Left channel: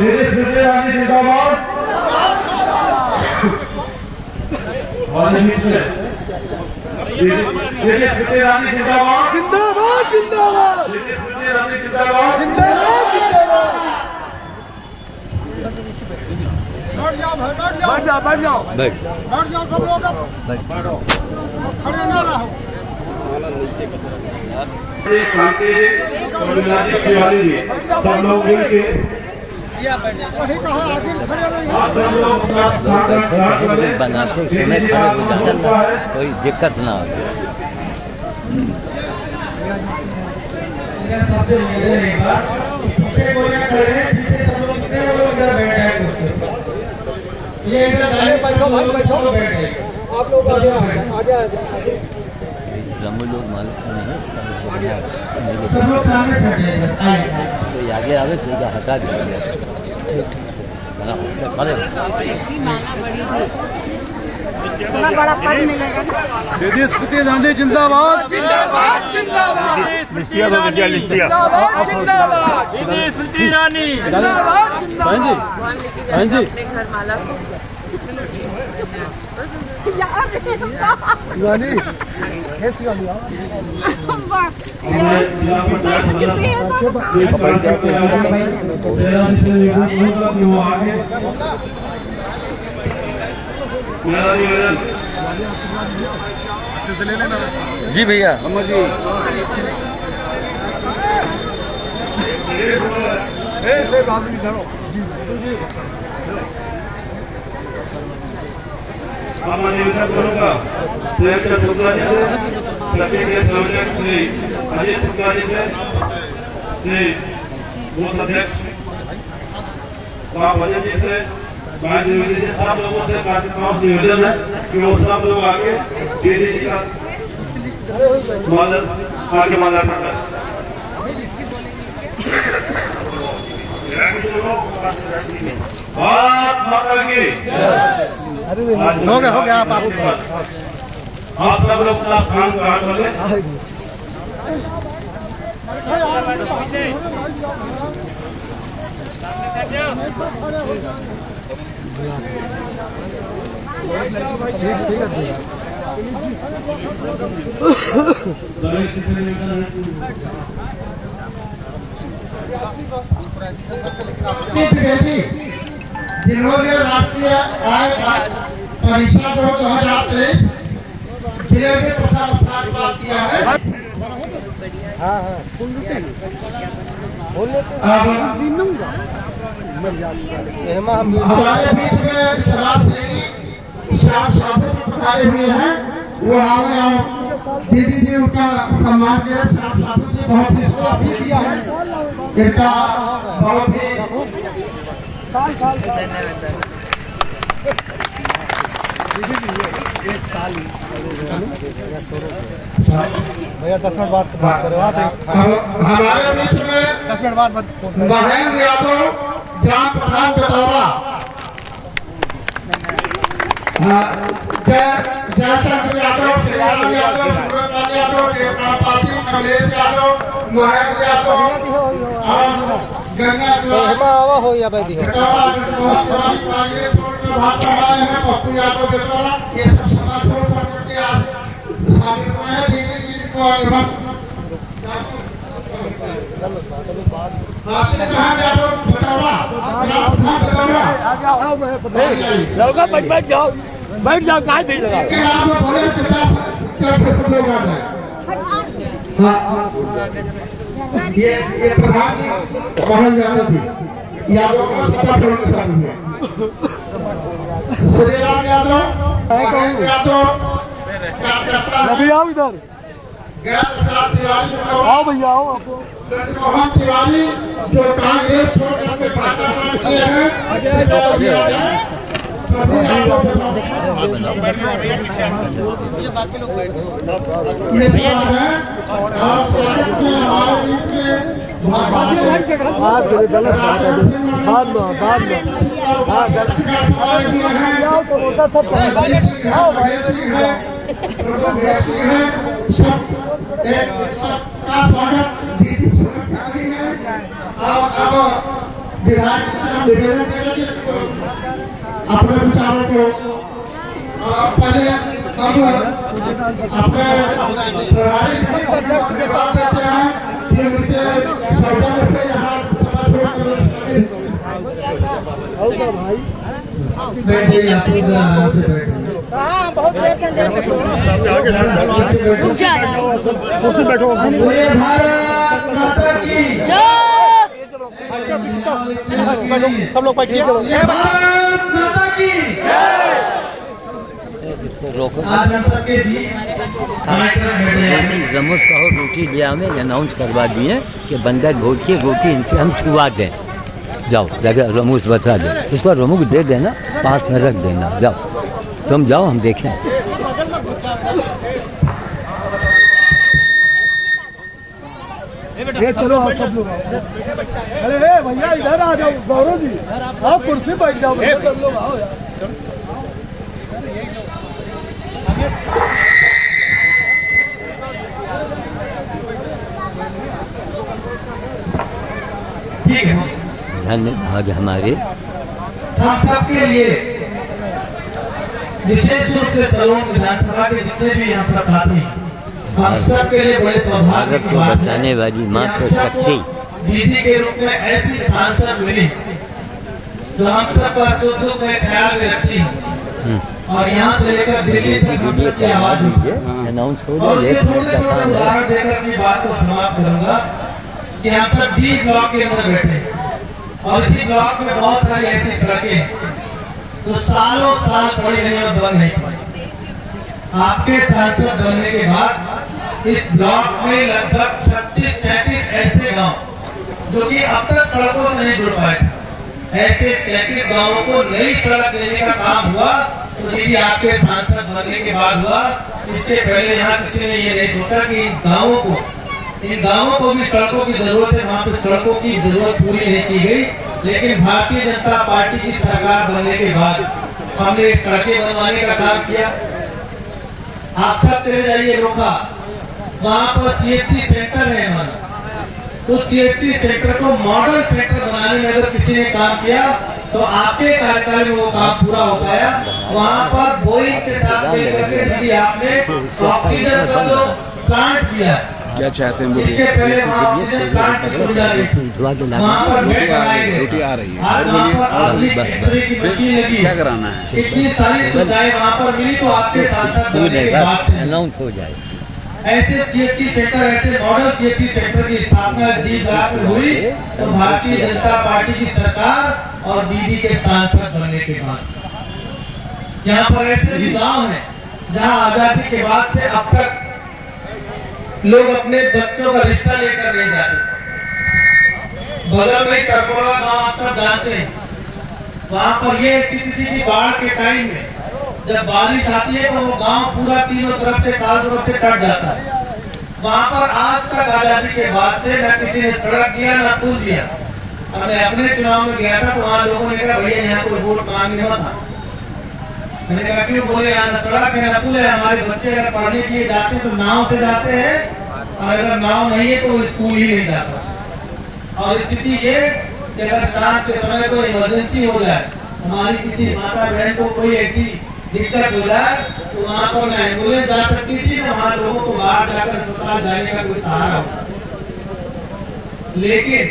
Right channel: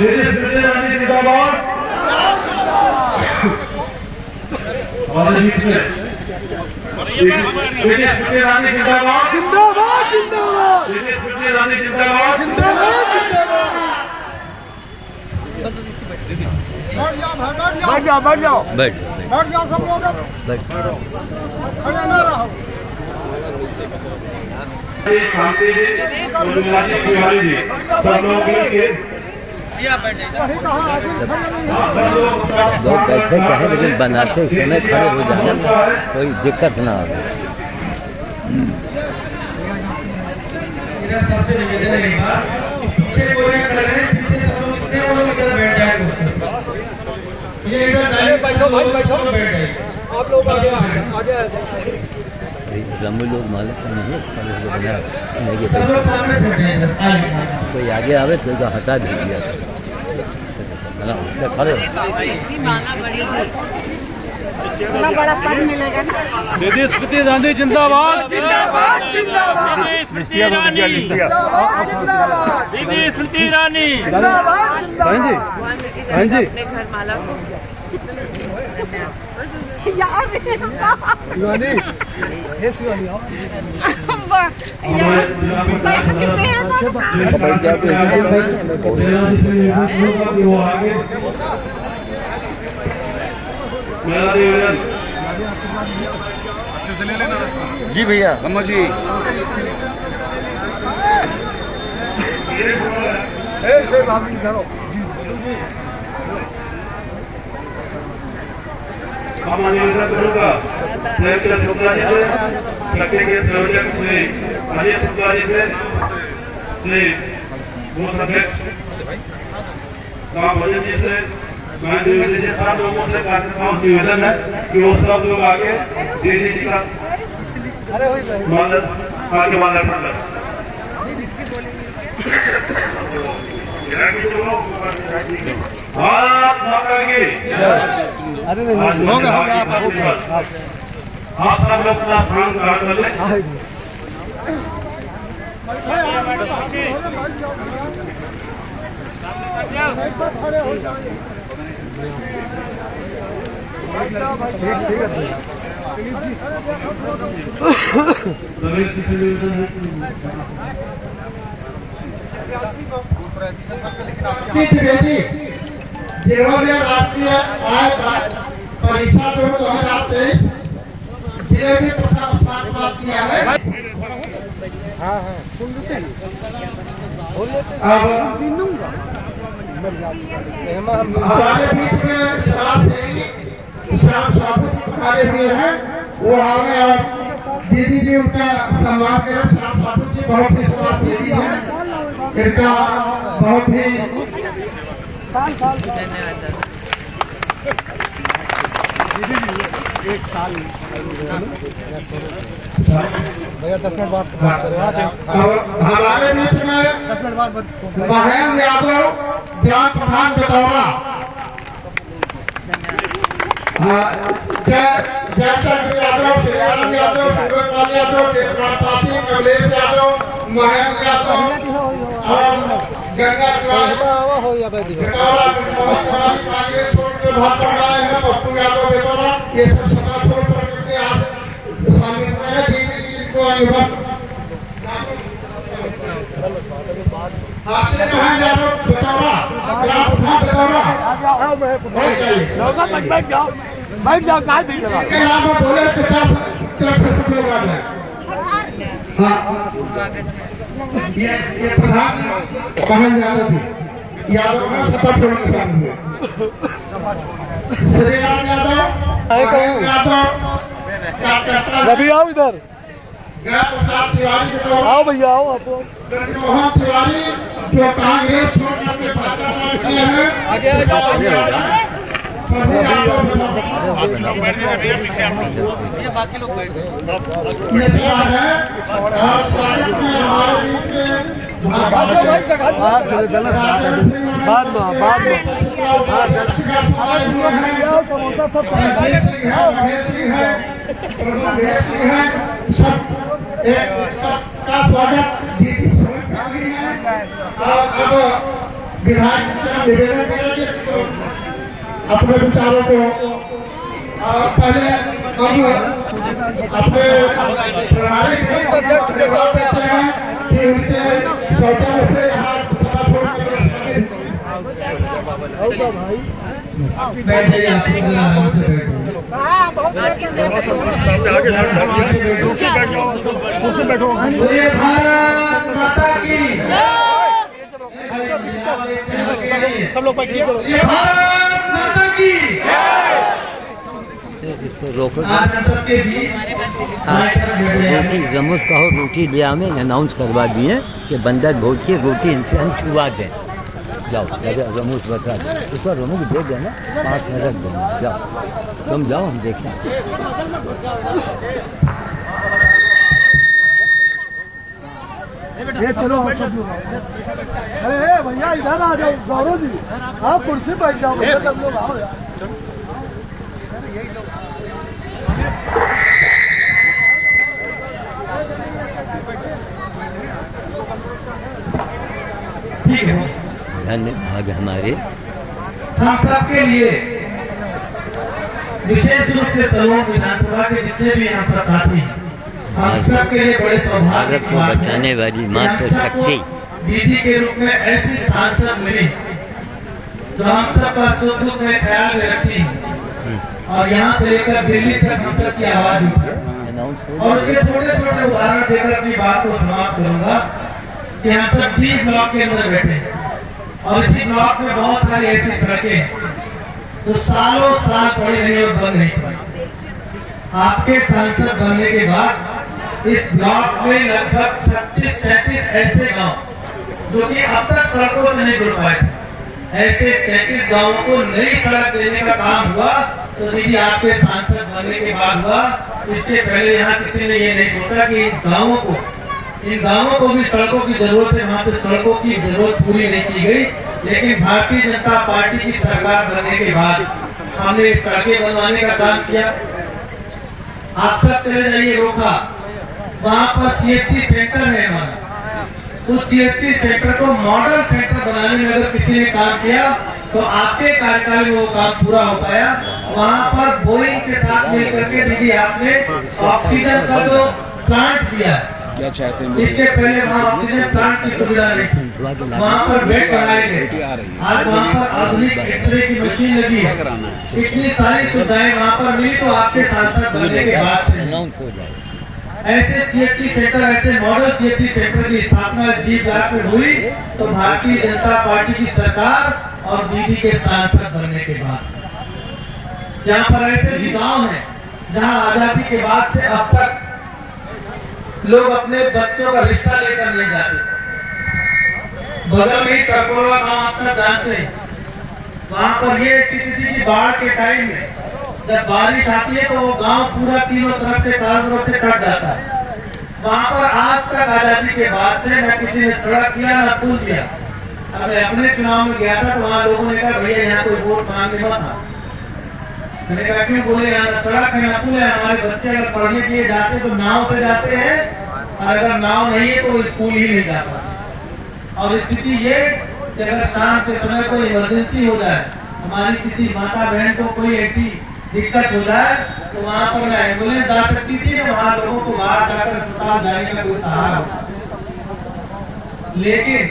बैठ जाओ बैठ जाओ बैठ जाओ सब लोग बैठो खड़े ना रहो। शांति जी सब लोग मिलके बनाते चल कोई दिक्कत ना हो। सबसे निवेदन है पीछे कोई ना करे, पीछे सब लोग कितने वो लोग इधर बैठ जाए। ये इधर दाएं बैठो भाई बैठो बैठ जाए आप लोग आगे आगे लंबे लोग मालिक नहीं सब लोग सामने से कोई आगे आवे तो हटा दीजिए। इतनी माला बड़ी है, इतना बड़ा पद मिलेगा ना। दीदी स्मृति ईरानी जिंदाबाद जिंदाबाद जिंदाबाद स्मृति ईरानी दीदी स्मृति ईरानी बहन जी बहन जी अपने घर माला को शिवानी हे शिवानी जी भैया जी करूँगा शुक्ला जी से तकनीकी संयोजक श्री अजय शुक्ला जी से श्री बूथ अध्यक्ष भजन जी से सब लोगों से निवेदन है कि वो सब लोग आगे दीदी जी का आगे माल्यार्पण करें। भारत माता की हो गया आप सब लोग अपना स्थान ग्रहण कर लें। जिन्होंने राष्ट्रीय आय परीक्षा 2023 जिले में प्रथम स्थान प्राप्त किया है। हमारे बीच में श्याम साहू जी पधारे हुए हैं, वो आए और दीदी जी उनका सम्मान करें। श्याम साहू जी बहुत ही श्री है, इनका बहुत ही धन्यवाद। एक साल भैया 10 मिनट बाद हमारे बीच में 10 मिनट बाद महेंद्र यादव ग्राम प्रधान बेतौरा, जयचंद्र यादव, श्रीराम यादव, सूरजलाल यादव, देवपासी, कमलेश यादव, महेंद्र यादव और गंगा हो गया भाई पप्पू यादव बेतौरा, ये सब सभा छोड़ करके शामिल हुए दीदी जी को बैठ जाओ कहाँ भीड़ लगा ये प्रधान कहल यादव थी, यादव का सत्ता छोड़ने शामिल हुआ। श्रीराम यादव अभी आओ इधर आओ भैया आओ आप मोहन तिवारी जो कांग्रेस छोड़ करके भाजपा में किए हैं, आगे बाकी लोग बैठ गए। ये बात है और स्वागत में हमारे बीच में बाद में सबका स्वागत और अब विधायक की तरफ निवेदन करेंगे अपने विचारों को पहले अब अपने व्यवहारिक बता देते हैं कि उनके सौजन्य से यहाँ सभा छोड़ कर बैठे आराम से बैठे भारत माता की सब लोग बैठिए। भारत माता की रोको आज हम सबके बीच रोटी रमोस का हो रोटी लिया हमें अनाउंस करवा दिए कि बंदर भोज की रोटी इनसे हम छुआ दें। जाओ जगह रमूस बता दे, उसको रमूस दे देना, पास में रख देना। जाओ तुम जाओ, हम देखें। ये चलो आप सब लोग आओ। अरे भैया इधर आ जाओ, गौरव जी आप कुर्सी बैठ जाओ, सब लोग आओ यार। ठीक है। धन्यवाद हमारे हम सबके लिए विशेष रूप से सलोन विधानसभा के जितने भी हम सब साथी हैं, हम सबके लिए बड़े सौभाग्य भारत की को बात है बचाने वाली मात्र कि हम सबको शक्ति दीदी के रूप में ऐसी सांसद मिली जो हम सबका सुख दुख में ख्याल में रखती है और यहाँ से लेकर दिल्ली तक हम सब की आवाज उठी है। अनाउंस हो और जाए। ये छोटे छोटे उदाहरण देकर अपनी बात को समाप्त करूंगा कि हम सब डी ब्लॉक के अंदर बैठे हैं और इसी ब्लॉक में बहुत सारी ऐसी सड़कें हैं जो सालों साल पड़ी नहीं और बंद नहीं पड़ी। आपके सांसद बनने के बाद इस ब्लॉक में लगभग 36-37 ऐसे गांव जो कि अब तक सड़कों से नहीं जुड़ पाए थे, ऐसे 37 गांवों को नई सड़क देने का काम हुआ। तो दीदी आपके सांसद बनने के बाद हुआ। इससे पहले यहाँ किसी ने ये नहीं सोचा कि इन गांवों को भी सड़कों की जरूरत है, वहाँ पे सड़कों की जरूरत पूरी नहीं की गई। लेकिन भारतीय जनता पार्टी की सरकार बनने के बाद हमने सड़कें बनवाने का काम किया। आप सब चले जाइए रोका, वहाँ पर CHC सेंटर है हमारा, तो CHC सेंटर को मॉडल सेंटर बनाने में अगर किसी ने काम किया तो आपके कार्यकाल में वो काम पूरा हो पाया। वहाँ पर बोइंग के साथ मिलकर के दीदी आपने ऑक्सीजन का जो प्लांट दिया है, क्या चाहते हैं? इसके पहले वहाँ ऑक्सीजन प्लांट की सुविधा नहीं थी, वहाँ पर बेड लगाए गए। आज वहाँ पर आधुनिक एक्सरे की मशीन लगी है, इतनी सारी सुविधाएं वहाँ पर मिली। तो आपके सांसद बनने के बाद से अनाउंस हो जाए। ऐसे CHC सेंटर, ऐसे मॉडल CHC सेंटर की स्थापना डी ब्लॉक में हुई तो भारतीय जनता पार्टी की सरकार और दीदी के सांसद बनने के बाद। यहाँ पर ऐसे भी गांव हैं जहाँ आजादी के बाद से अब तक लोग अपने बच्चों का रिश्ता लेकर नहीं जाते। बगल में करकोड़ा गांव आप सब जानते हैं, वहाँ पर ये स्थिति थी कि बाढ़ के टाइम में जब बारिश आती है तो वो गांव पूरा तीनों तरफ से चारों तरफ से कट जाता है। वहाँ पर आज तक आजादी के बाद से न किसी ने सड़क दिया न पुल दिया। अब मैं अपने चुनाव में गया था तो वहाँ लोगों ने कहा भैया यहाँ कोई वोट मांगने मत आना। मैंने कहा क्यों? बोले यहाँ सड़क है न पुल है, हमारे बच्चे अगर पढ़ने के लिए जाते तो नाव से जाते हैं और अगर नाव नहीं है तो वो स्कूल ही नहीं जाता। और स्थिति ये कि अगर शाम के समय कोई इमरजेंसी हो जाए, हमारी किसी माता बहन को कोई ऐसी दिक्कत हो जाए तो वहाँ पर न एम्बुलेंस जा सकती थी, न वहाँ लोगों को बाहर जाकर अस्पताल जाने का कोई सहारा हो। लेकिन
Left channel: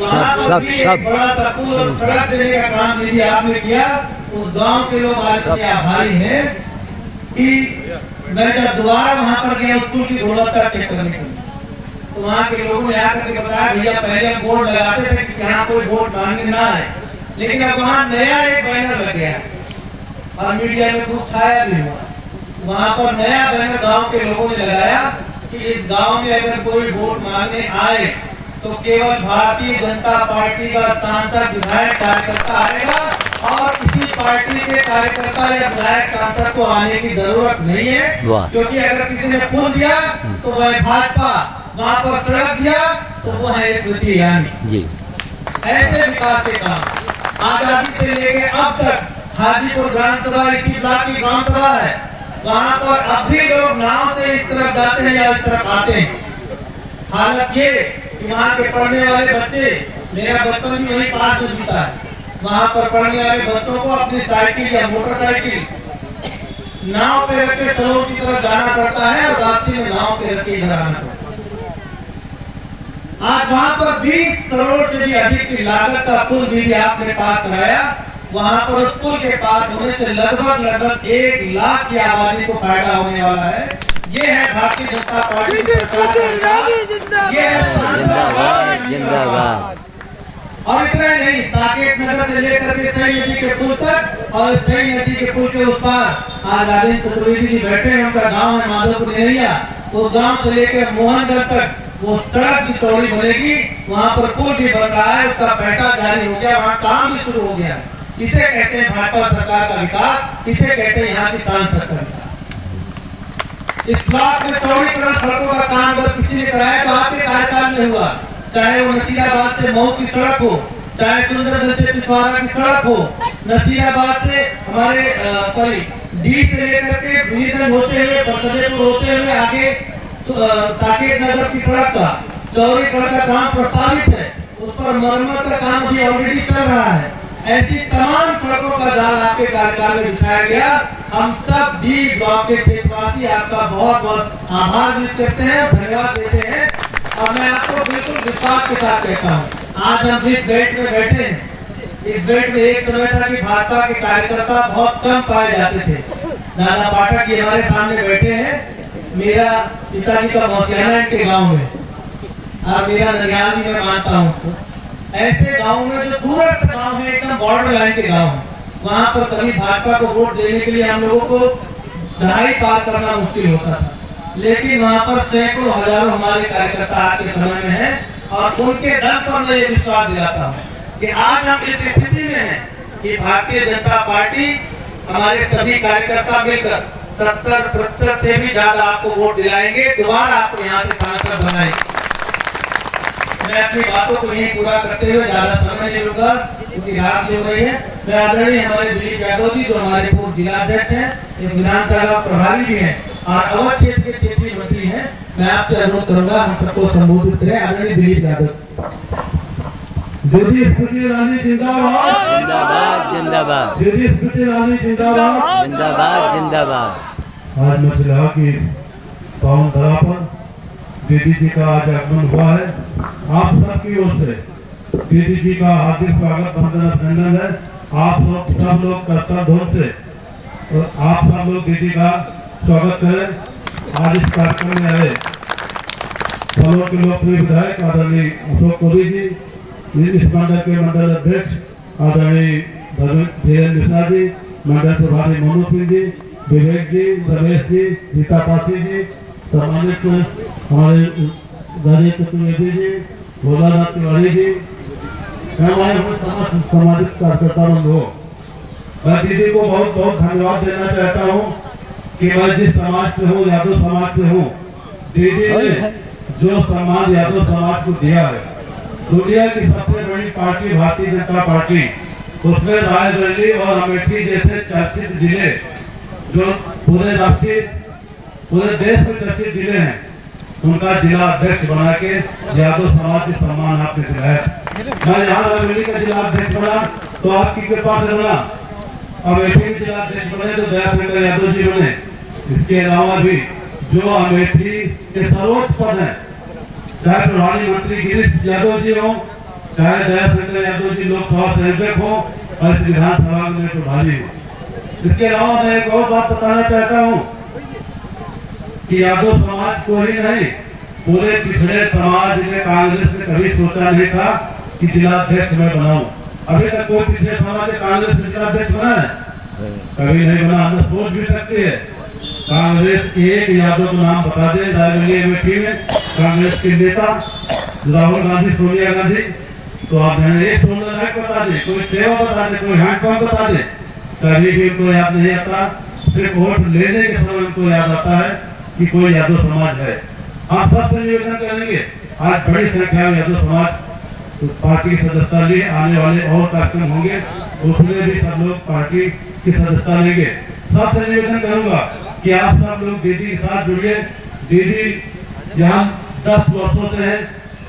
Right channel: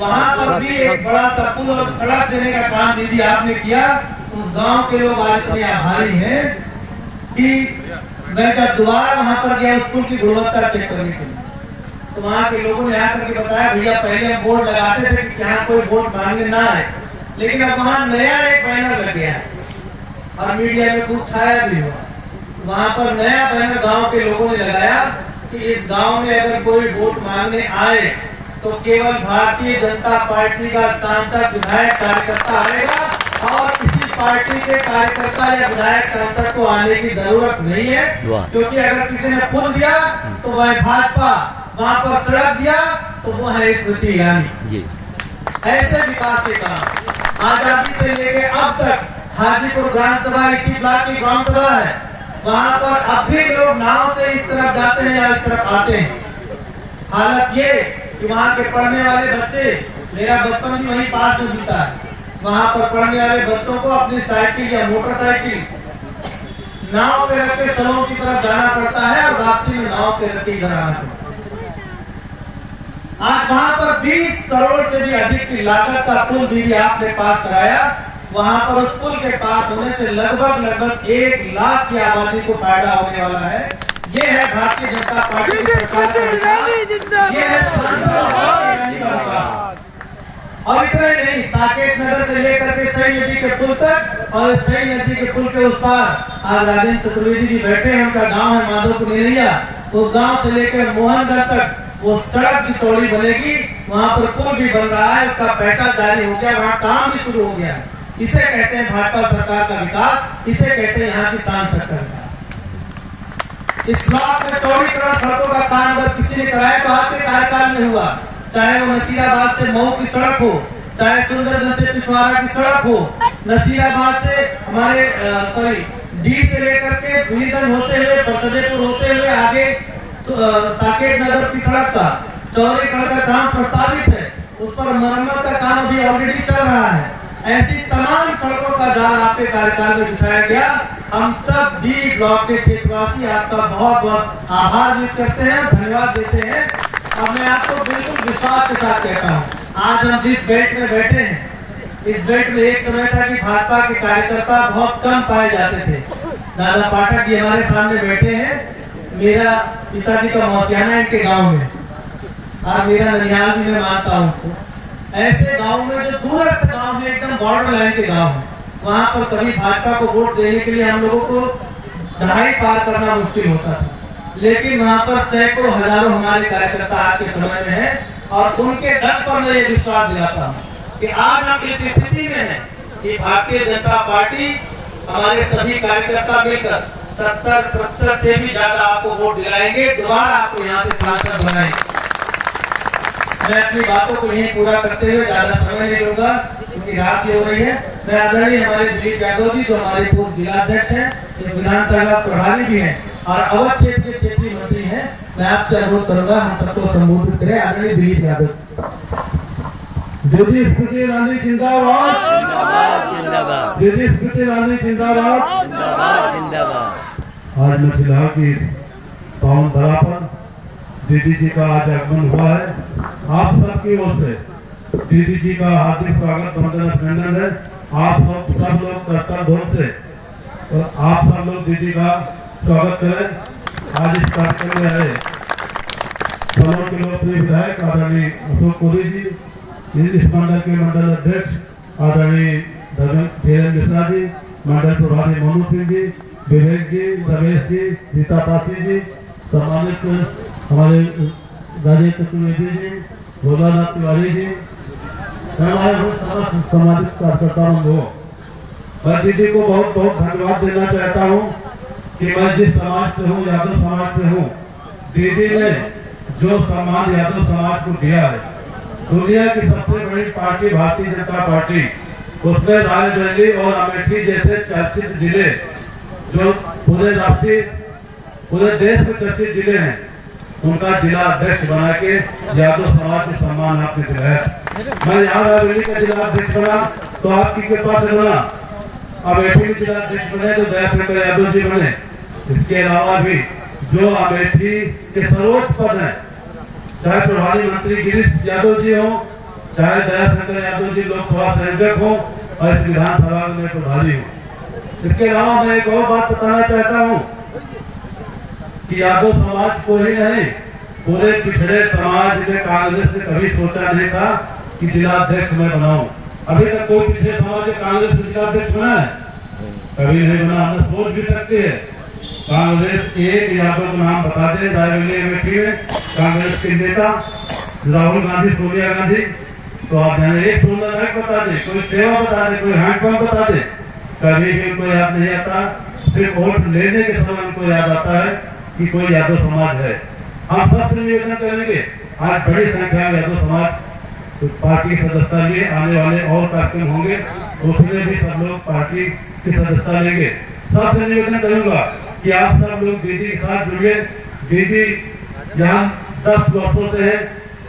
वहाँ पर भी एक बड़ा सा पुल और सड़क देने का काम दीदी आपने किया। उस गांव के लोग आज इतने आभारी हैं कि मैं जब दोबारा वहाँ पर गया स्कूल की गुणवत्ता चेक करने के लिए तो वहाँ के लोगों ने आकर के बताया भैया पहले हम बोर्ड लगाते थे कि यहाँ कोई वोट मांगने ना आए, लेकिन अब वहाँ नया एक बैनर लग गया है और मीडिया में खूब छाया भी हुआ। वहाँ पर नया बैनर गांव के लोगों ने लगाया कि इस गांव में अगर कोई वोट मांगने आए तो केवल भारतीय जनता पार्टी का सांसद विधायक कार्यकर्ता आएगा और किसी पार्टी के कार्यकर्ता या विधायक सांसद को आने की जरूरत नहीं है। क्योंकि अगर किसी ने पुल दिया तो वह भाजपा, वहाँ पर सड़क दिया तो वो है स्मृति ईरानी। ऐसे विकास के काम आजादी से लेके अब तक हाजीपुर ग्राम सभा इसी ब्लॉक की ग्राम सभा है, वहाँ पर अब भी लोग नाव से इस तरफ जाते हैं या इस तरफ आते हैं। हालत ये कि वहाँ के पढ़ने वाले बच्चे, मेरा बचपन भी वहीं पास में बीता है, वहाँ पर पढ़ने वाले बच्चों को अपनी साइकिल या मोटरसाइकिल नाव पे रख के सनोर की तरफ जाना पड़ता है और वापसी में नाव पे रख के इधर आना पड़ता है। आज वहाँ पर 20 करोड़ से भी अधिक की लागत का पुल भी आपने पास कराया। वहाँ पर उस पुल के पास होने से लगभग 1 लाख की आबादी को फायदा होने वाला है। ये है भारतीय जनता पार्टी की सरकार, ये है और इतना ही नहीं, साकेत नगर से लेकर के सई नदी के पुल तक और सई नदी के पुल के उस पार आज राजेंद्र चतुर्वेदी जी बैठे हैं, उनका गांव है माधोपुर नेरिया। उस गांव से लेकर मोहनगढ़ तक वो सड़क भी चौड़ी बनेगी, वहाँ पर पुल भी बन रहा है, उसका पैसा जारी हो गया, वहाँ काम भी शुरू हो गया है। इसे कहते हैं भाजपा सरकार का विकास, इसे कहते हैं यहाँ की सांसद का विकास। इस ब्लॉक में चौड़ीकरण सड़कों का काम अगर किसी ने कराया तो आपके कार्यकाल में हुआ, चाहे वो नसीराबाद से मऊ की सड़क हो, चाहे सुंदरगंज से पिछवाड़ा की सड़क हो, नसीराबाद से हमारे डी से लेकर के वीरगंज होते हुए बरसदेपुर होते हुए आगे साकेत नगर की सड़क का चौड़ीकरण का काम प्रस्तावित है, उस पर मरम्मत का काम भी ऑलरेडी चल रहा है। ऐसी तमाम सड़कों का जाल आपके कार्यकाल में बिछाया गया। हम सब डी ब्लॉक के क्षेत्रवासी आपका बहुत बहुत आभार व्यक्त करते हैं, धन्यवाद देते हैं। और मैं आपको बिल्कुल विश्वास के साथ कहता हूँ, आज हम जिस बेल्ट में बैठे हैं, इस बेल्ट में एक समय था कि भाजपा के कार्यकर्ता बहुत कम पाए जाते थे। दादा पाठक जी हमारे सामने बैठे हैं, मेरा पिताजी का मौसियाना इनके गाँव में और मेरा ननिहाल भी मैं मानता हूँ उसको। ऐसे गाँव में जो दूरस्थ गाँव है, एकदम बॉर्डर लाइन के गाँव है, वहाँ पर कभी भाजपा को वोट देने के लिए हम लोगों को दहाई पार करना मुश्किल होता था, लेकिन वहाँ पर सैकड़ों हजारों हमारे कार्यकर्ता आज के समय में हैं और उनके दम पर मैं ये विश्वास दिलाता हूँ कि आज हम इस स्थिति में हैं कि भारतीय जनता पार्टी हमारे सभी कार्यकर्ता मिलकर 70% से भी ज्यादा आपको वोट दिलाएंगे, दोबारा आपको यहाँ से सांसद बनाएंगे। मैं अपनी बातों को यही पूरा करते हुए ज्यादा समय नहीं लूंगा क्योंकि रात भी हो रही है। मैं आदरणीय हमारे दिलीप यादव जी जो हमारे पूर्व जिलाध्यक्ष हैं, ये विधानसभा प्रभारी भी हैं और अवध क्षेत्र के क्षेत्रीय मंत्री हैं, मैं आपसे अनुरोध करूंगा हम सबको संबोधित करें। आदरणीय दिलीप यादव। दीदी स्मृति ईरानी जिंदाबाद, जिंदाबाद जिंदाबाद, दीदी स्मृति ईरानी जिंदाबाद, जिंदाबाद जिंदाबाद। आज मछलिया की पावन धरा पर दीदी जी का आज आगमन हुआ है। आप सबकी ओर से दीदी जी का हार्दिक स्वागत वंदन अभिनंदन है। आप सब लोग कर्तव्य ढंग से और आप सब लोग दीदी का स्वागत करें। आज इस कार्यक्रम में आए सनोर के लोकप्रिय विधायक आदरणीय अशोक कोरी जी, इस मंडल के मंडल अध्यक्ष आदरणीय धीरेन्द्र मिश्रा जी, मंडल प्रभारी मोनू सिंह जी, विवेक जी, रमेश जी, रीता पासी जी, सम्मानित हमारे राजेंद्र चतुर्वेदी जी, भोलानाथ तिवारी जी, हमारे समस्त सामाजिक कार्यकर्ताओं को मैं दीदी को बहुत बहुत धन्यवाद देना चाहता हूँ कि मैं जिस समाज से हूँ, यादव समाज से हूँ, दीदी ने जो सम्मान यादव समाज को दिया है, दुनिया की सबसे बड़ी पार्टी भारतीय जनता पार्टी, उसमें रायबरेली और अमेठी जैसे चर्चित जिले जो पूरे देश में चर्चित जिले हैं, उनका जिला अध्यक्ष बना के यादव समाज को सम्मान आपने दिलाया। मैं यहाँ रायबरेली का जिला अध्यक्ष बना तो आपकी कृपा से बना, अमेठी में जिला अध्यक्ष बने तो दयाशंकर यादव जी बने। इसके अलावा भी जो अमेठी के सर्वोच्च पद है, चाहे प्रभारी मंत्री गिरीश यादव जी हो, चाहे दयाशंकर यादव जी लोकसभा संयोजक हो और इस विधानसभा में प्रभारी हो। इसके अलावा मैं एक और बात बताना चाहता हूँ कि यादव समाज को ही नहीं, पूरे पिछड़े समाज ने कांग्रेस ने कभी सोचा नहीं था कि जिलाध्यक्ष मैं बनाऊं। अभी तक कोई पिछड़े समाज ने कांग्रेस में जिलाध्यक्ष बना है? कभी नहीं बना। हम सोच भी सकते हैं कांग्रेस के एक यादव का नाम बता दें रायबरेली अमेठी में, कांग्रेस के नेता राहुल गांधी, सोनिया गांधी, तो आप एक सोलर लाइट बता दें, कोई सेवा बता दें, कोई हैंडपंप बता दें, कभी भी कोई याद नहीं आता। सिर्फ वोट लेने के समय उनको याद आता है कि कोई यादव समाज है। आप सबसे निवेदन करेंगे, आज बड़ी संख्या में यादव समाज तो पार्टी की सदस्यता लिए आने वाले और कार्यक्रम होंगे, उसमें भी सब लोग पार्टी की सदस्यता लेंगे। सबसे निवेदन करूंगा कि आप सब लोग दीदी के साथ जुड़िए। दीदी यहाँ 10 वर्षों से है,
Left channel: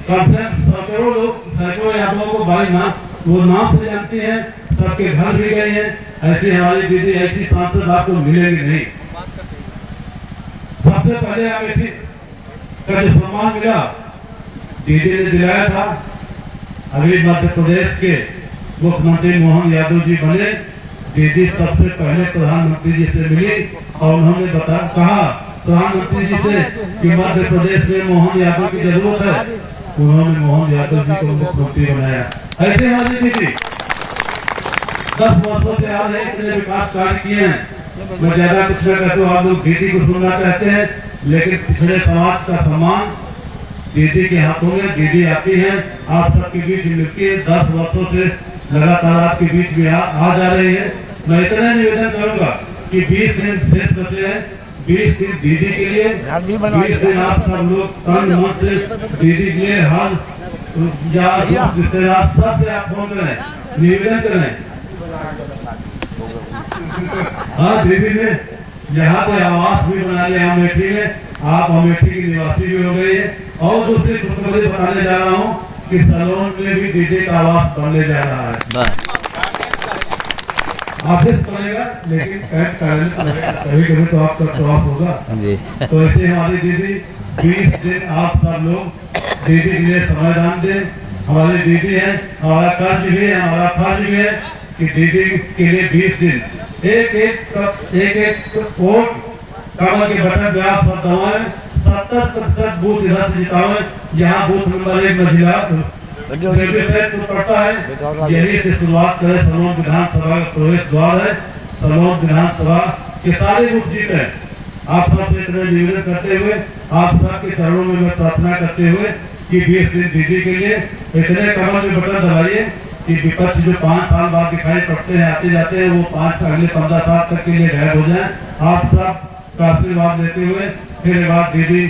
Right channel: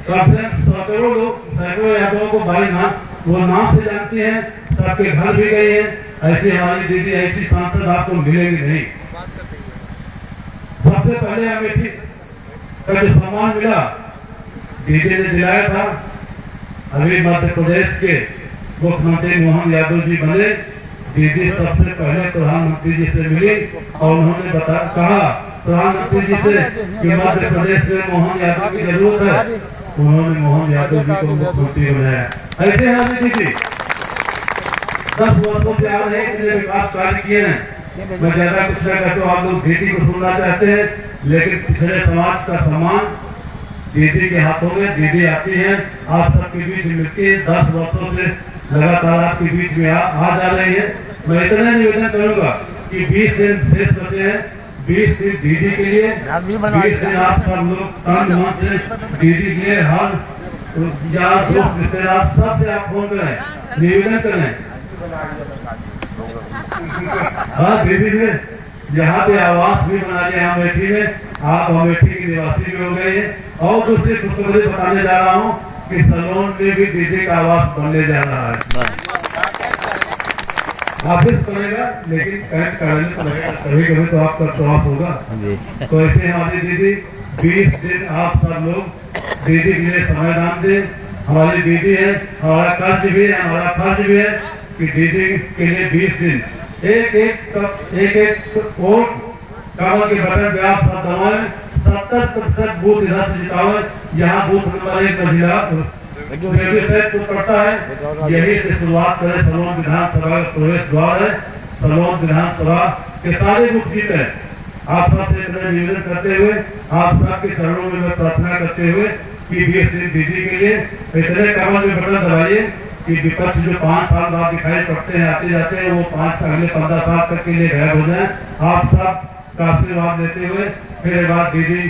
कम से सैकड़ों लोग, सैकड़ों यादवों को भाई नाम, वो नाम से जानती हैं, सबके घर भी गए हैं। ऐसी हमारी दीदी, ऐसी सांसद आपको मिलेंगे नहीं। सबसे पहले अमेठी का जो सम्मान मिला दीदी ने दिलाया था। अभी मध्य प्रदेश के मुख्यमंत्री मोहन यादव जी बने, दीदी सबसे पहले प्रधानमंत्री जी से मिली और उन्होंने कहा प्रधानमंत्री जी से कि मध्य प्रदेश में मोहन यादव की जरूरत है। उन्होंने मोहन यादव जी को मुख्यमंत्री बनाया। ऐसे हमारी दीदी 10 वर्षों से आज इतने विकास कार्य किए हैं। मैं ज्यादा कुछ न कहता हूँ, आप लोग दीदी को सुनना चाहते हैं, लेकिन पिछड़े समाज का सम्मान दीदी के हाथों में। दीदी आती हैं, आप सबके बीच मिलती है, 10 वर्षों से लगातार आपके बीच में आ जा रही है। मैं इतना निवेदन करूंगा कि 20 दिन शेष बचे हैं, 20 दिन दीदी के लिए, 20 दिन आप सब लोग तन मन से दीदी के लिए हाल यार दोस्त रिश्तेदार सबसे आप फोन करें, निवेदन करें। हाँ, दीदी ने यहाँ पे आवास भी बना लिया अमेठी में, आप अमेठी की निवासी भी हो गए हैं। और दूसरी खुशखबरी बताने जा रहा हूँ कि सलोन में भी दीदी का आवास बनने जा रहा है। ऑफिस पड़ेगा, लेकिन कभी कभी तो आपका प्रवास होगा। तो ऐसे हमारी दीदी 20 दिन आप सब लोग दीदी के लिए समय दान दें। हमारी दीदी है, हमारा कर्ज भी है, हमारा फर्ज भी है कि दीदी के लिए 20 दिन एक वोट कमल के बटन पे आप सब दबाएं। 70% बूथ इधर से जितावे। यहाँ बूथ नंबर 1 महिला तो पड़ता है, यही से शुरुआत करें। सलोन विधानसभा का प्रवेश द्वार है, सलोन विधानसभा के सारे बूथ जीते हैं। आप सबसे निवेदन करते हुए, आप सबके चरणों में मैं प्रार्थना करते हुए कि 20 दिन दीदी के लिए इतने कमल में बटन दबाइए कि विपक्ष जो 5 साल बाद दिखाई पड़ते हैं, आते जाते हैं, वो 5 अगले 15 साल तक के लिए गायब हो जाए। आप सब का आशीर्वाद देते हुए फिर एक बार दीदी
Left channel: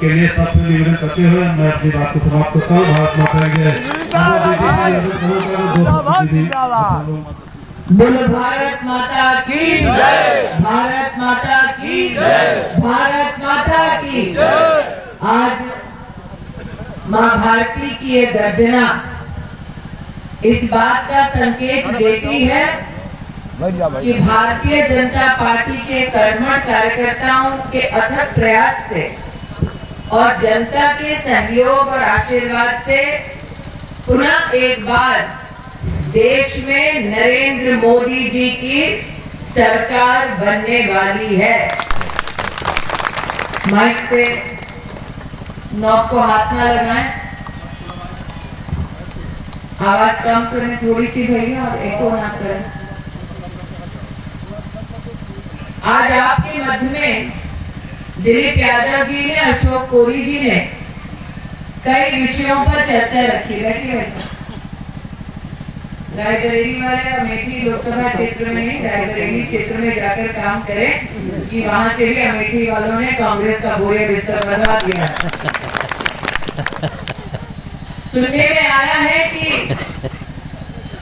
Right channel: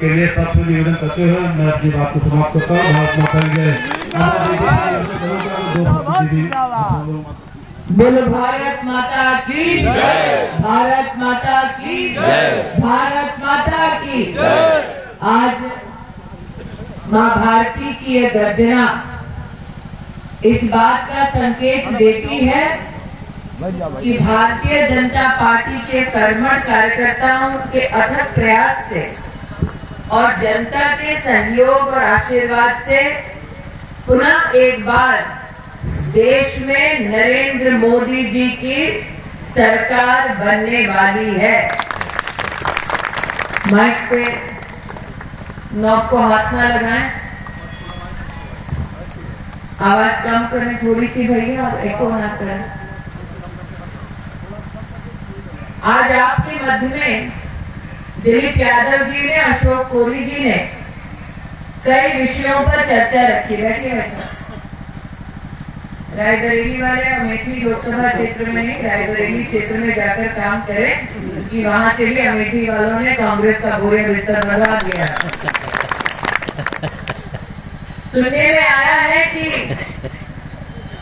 के लिए सबसे निवेदन करते हुए मैं अपनी बात को समाप्त करता हूँ। भारत माता की जय। बोलो भारत माता की जय, भारत माता की जय, भारत माता की जय। आज माँ भारती की ये गर्जना इस बात का संकेत देती है कि भारतीय जनता पार्टी के कर्मठ कार्यकर्ताओं के अथक प्रयास से और जनता के सहयोग और आशीर्वाद से पुनः एक बार देश में नरेंद्र मोदी जी की सरकार बनने वाली है। माइक पे नॉब को हाथ ना लगाएं, आवाज कम करें थोड़ी सी भैया, और एको ना करें। आज आपके मध्य में दिलीप यादव जी ने, अशोक कोरी जी ने कई विषयों पर चर्चा रखी। बैठिए वैसा रायबरेली वाले अमेठी लोकसभा क्षेत्र में नहीं, रायबरेली क्षेत्र में जाकर काम करें कि वहां से भी अमेठी वालों ने कांग्रेस का बोरिया बिस्तर बनवा दिया। सुनने में आया है कि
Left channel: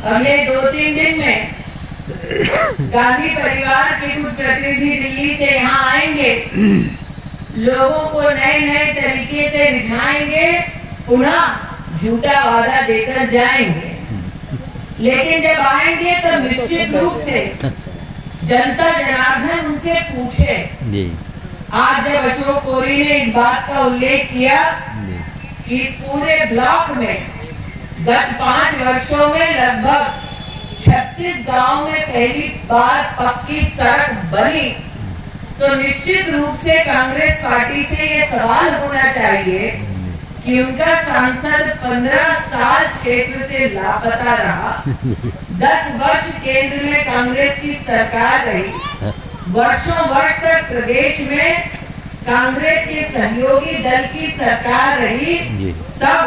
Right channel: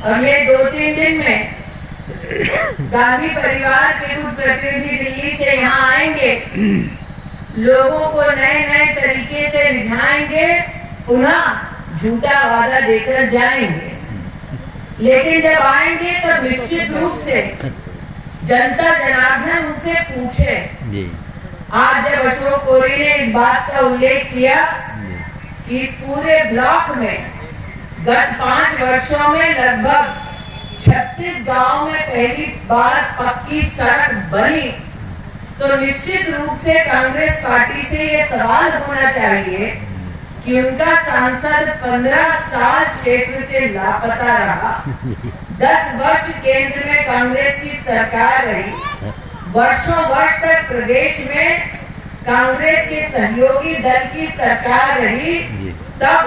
अगले 2-3 दिन में गांधी परिवार के कुछ प्रतिनिधि दिल्ली से यहाँ आएंगे, लोगों को नए नए तरीके से रिझाएंगे, पुनः झूठा वादा देकर जाएंगे। लेकिन जब आएंगे तो निश्चित रूप से जनता जनार्दन उनसे पूछे। आज जब अशोक कोरी ने इस बात का उल्लेख किया कि इस पूरे ब्लॉक में गत 5 वर्षों में लगभग 36 गांवों में पहली बार पक्की सड़क बनी, तो निश्चित रूप से कांग्रेस पार्टी से ये सवाल होना चाहिए कि उनका सांसद 15 साल क्षेत्र से लापता रहा, 10 वर्ष केंद्र में कांग्रेस की सरकार रही, वर्षों वर्ष तक प्रदेश में कांग्रेस के सहयोगी दल की सरकार रही, तब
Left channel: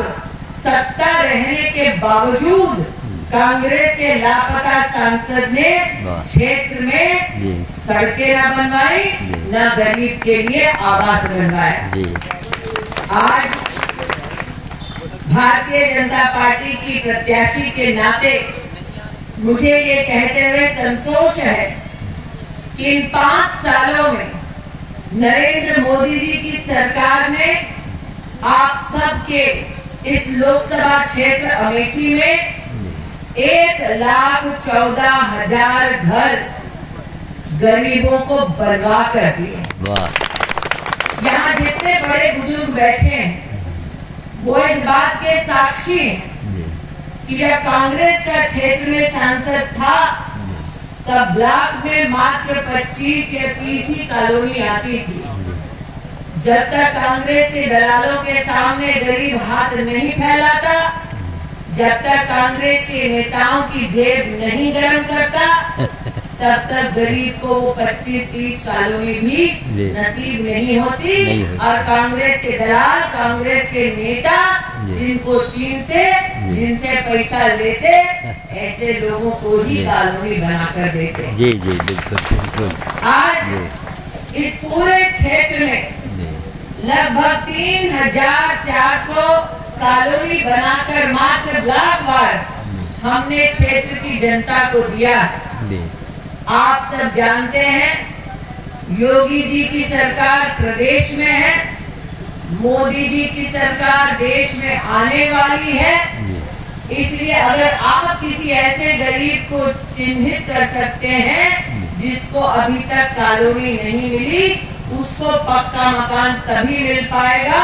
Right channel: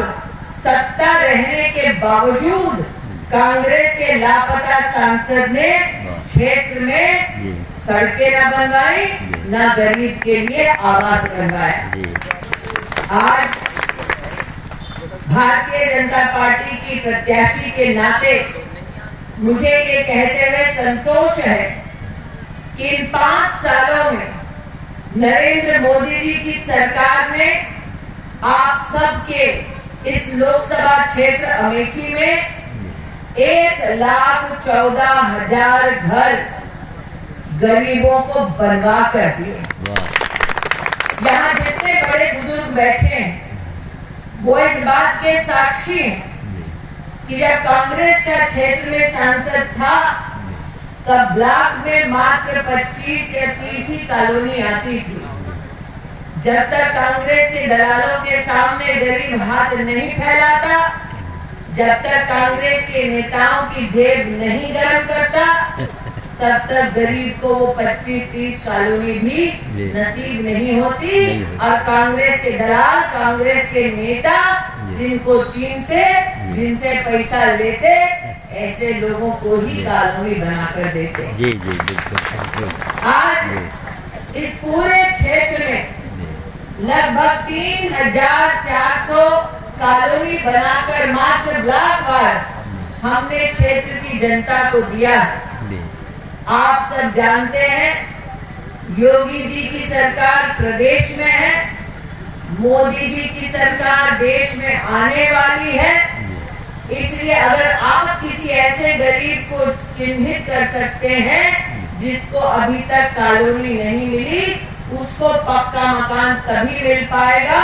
सत्ता रहने के बावजूद कांग्रेस के लापता सांसद ने क्षेत्र में सड़कें न बनवाई, न गरीब के लिए आवास बनवाया। आज भारतीय जनता पार्टी की प्रत्याशी के नाते मुझे ये कहते हुए संतोष है कि इन 5 सालों में नरेंद्र मोदी जी की सरकार ने आप सबके इस लोकसभा क्षेत्र अमेठी में 1,14,000 घर गरीबों को बनवा कर दिए। वाह यहाँ जितने बड़े बुजुर्ग बैठे हैं वो इस बात के साक्षी हैं कि जब कांग्रेस का क्षेत्र में सांसद था तब ब्लॉक में मात्र 25 या 30 ही कॉलोनी आती थी। जब तक कांग्रेस के दलालों के सामने गरीब हाथ नहीं फैलाता, जब तक कांग्रेस के नेताओं की जेब नहीं गर्म करता, तब तक गरीब को वो 25-30 कॉलोनी भी नसीब नहीं होती। और कांग्रेस के दलाल, कांग्रेस के नेता जिनको चीनते, जिनसे पैसा लेते, ऐसे लोगों को ही कॉलोनी बनाकर देते। जी जी बिल्कुल बिल्कुल। आज इस पूरे क्षेत्र में लगभग 3,400 कॉलोनी बनाकर मात्र ब्लॉक वार हमने क्षेत्र की जनता को दिया है। आप सब जानते हैं योगी जी की सरकार प्रदेश में है, मोदी जी की सरकार देश में आने वाली है। इसलिए अगर आप किसी ऐसे गरीब को चिन्हित कर सकते हैं जिसको अभी तक कॉलोनी नहीं मिली, उसको पक्का मकान तभी मिल पाएगा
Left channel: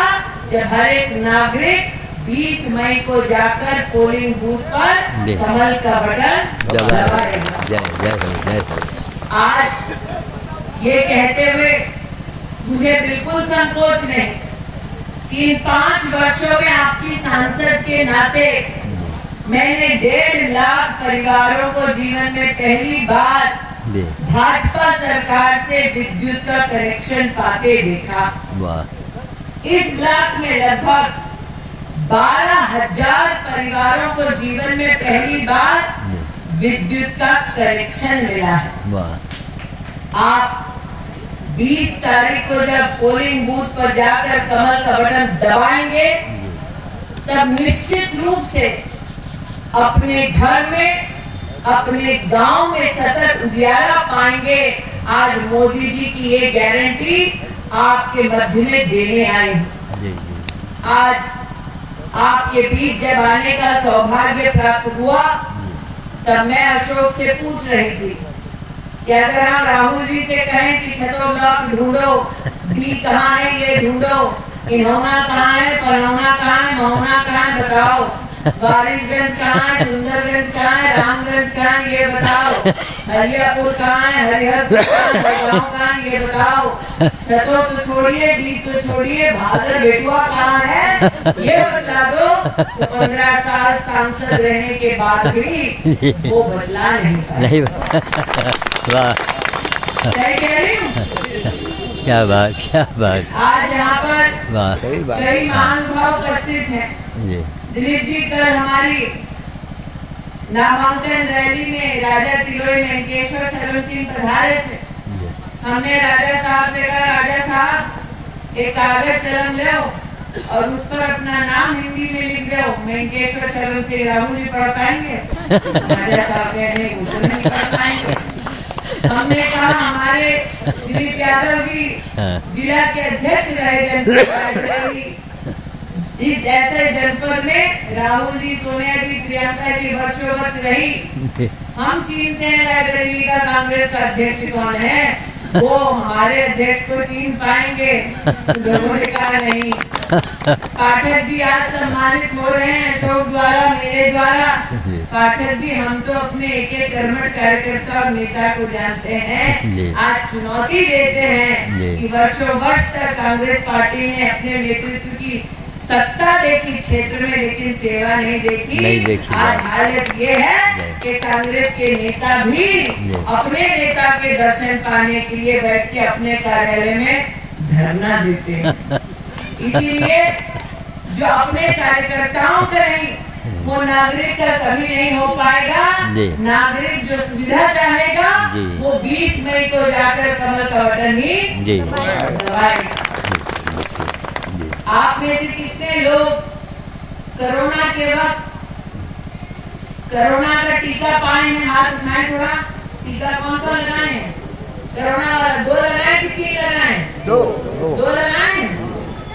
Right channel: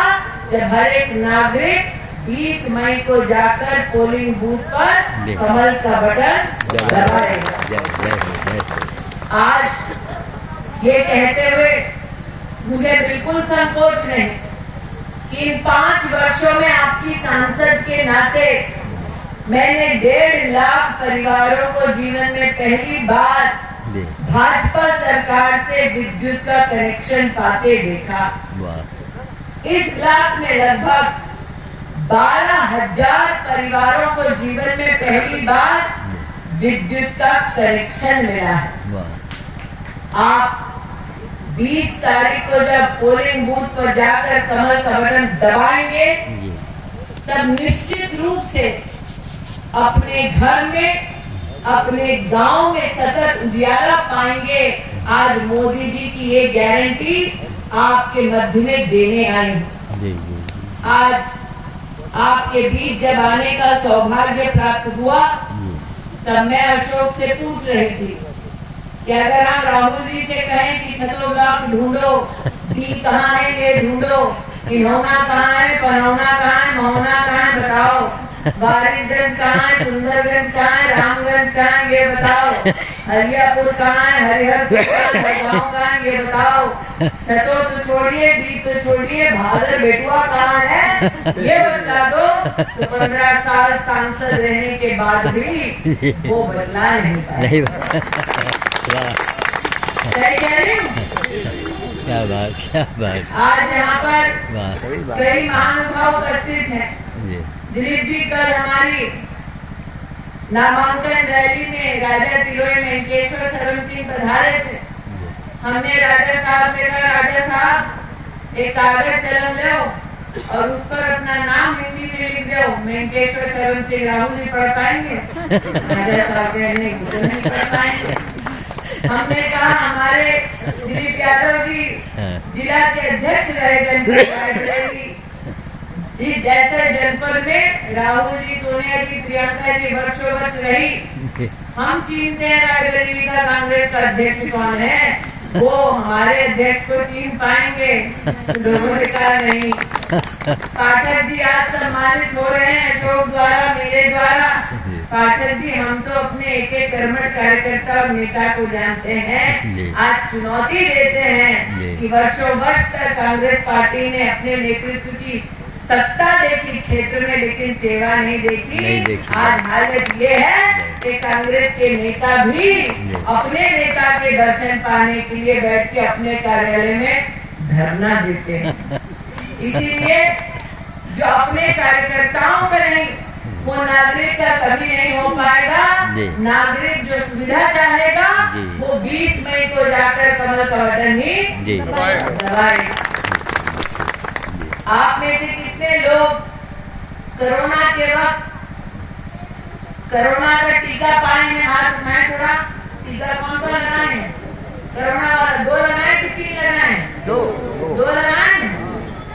जब हर एक नागरिक 20 मई को जाकर पोलिंग बूथ पर कमल का बटन दबाएगा। आज ये कहते हुए मुझे बिल्कुल संकोच नहीं कि इन 5 वर्षों में आपकी सांसद के नाते मैंने 1.5 लाख परिवारों को जीवन में पहली बार भाजपा सरकार से विद्युत का कनेक्शन पाते देखा। इस ब्लॉक में लगभग 12,000 परिवारों को जीवन में पहली बार विद्युत का कनेक्शन मिला है। आप 20 तारीख को जब पोलिंग बूथ पर जाकर कमल का बटन दबाएंगे तब निश्चित रूप से अपने घर में, अपने गांव में सतत उजियारा पाएंगे। आज मोदी जी की ये गारंटी आपके मध्य में देने आई हूँ। आज आपके बीच जब आने का सौभाग्य प्राप्त हुआ तब मैं अशोक से पूछ रही थी कि अगर आप राहुल जी से कहें कि छतो ब्लॉक ढूंढो, डी कहाँ है ये ढूंढो, इन्होना कहाँ है, पनौना कहाँ है, महोना कहाँ है, बताओ। वारिसगंज कहाँ है, सुंदरगंज कहाँ है, रामगंज कहाँ है, ये बताओ। हरियापुर कहाँ है, हरिहरपुर कहाँ है, गाँव कहाँ है, ये बताओ। छतो तो छोड़िए, डी तो छोड़िए, भादर बेटुआ कहाँ है, ये बतला दो। तो 15 साल सांसद रहने के बाद भी वो बदला नहीं पाया। सही कह रही हूँ? क्या बात, क्या बात। आज यहाँ पर कई महानुभाव उपस्थित हैं। दिलीप जी कल हमारी नामांकन रैली में राजा तिलोई मेंकेश्वर शरण सिंह पधारे थे। हमने राजा साहब से कहा, राजा साहब एक कागज कलम लो और उस पर अपना नाम हिंदी में लिख दो। मेंकेश्वर शरण सिंह राहुल जी पढ़ पाएंगे? राजा साहब कहने नहीं पढ़ पाएंगे। हमने कहा हमारे दिलीप यादव जी जिला के अध्यक्ष रहे जनपद, इस ऐसे जनपद में राहुल जी, सोनिया जी, प्रियंका जी वर्षों वर्ष रही। हम चीनते हैं रायबरेली का कांग्रेस का अध्यक्ष कौन है, वो हमारे अध्यक्ष को चीन पाएंगे? लोगों ने कहा नहीं। पाठक जी आज सम्मानित हो रहे हैं अशोक द्वारा, मेरे द्वारा। पाठक जी हम तो अपने एक कर्मठ कार्यकर्ता और नेता को जानते हैं, आज चुनौती देते हैं कि वर्षों वर्ष तक कांग्रेस पार्टी ने अपने नेतृत्व की सत्ता देखी क्षेत्र में, लेकिन सेवा नहीं देखी। आज हालत ये है कि कांग्रेस के नेता भी अपने नेता के दर्शन पाने के लिए बैठ के अपने कार्यालय में धरना देते हैं। इसीलिए जो अपने कार्यकर्ताओं का नहीं, वो नागरिक का कभी नहीं हो पाएगा। नागरिक जो सुविधा चाहेगा वो 20 मई को जाकर कमल का बटन ही दबाएगा। आप में से कितने लोग कोरोना के वक्त कोरोना का टीका पाए हैं? हाथ उठाएं थोड़ा। टीका कौन कौन लगाए? कोरोना वाला 2 लगाए कि 3 लगाए? 2 लगाए।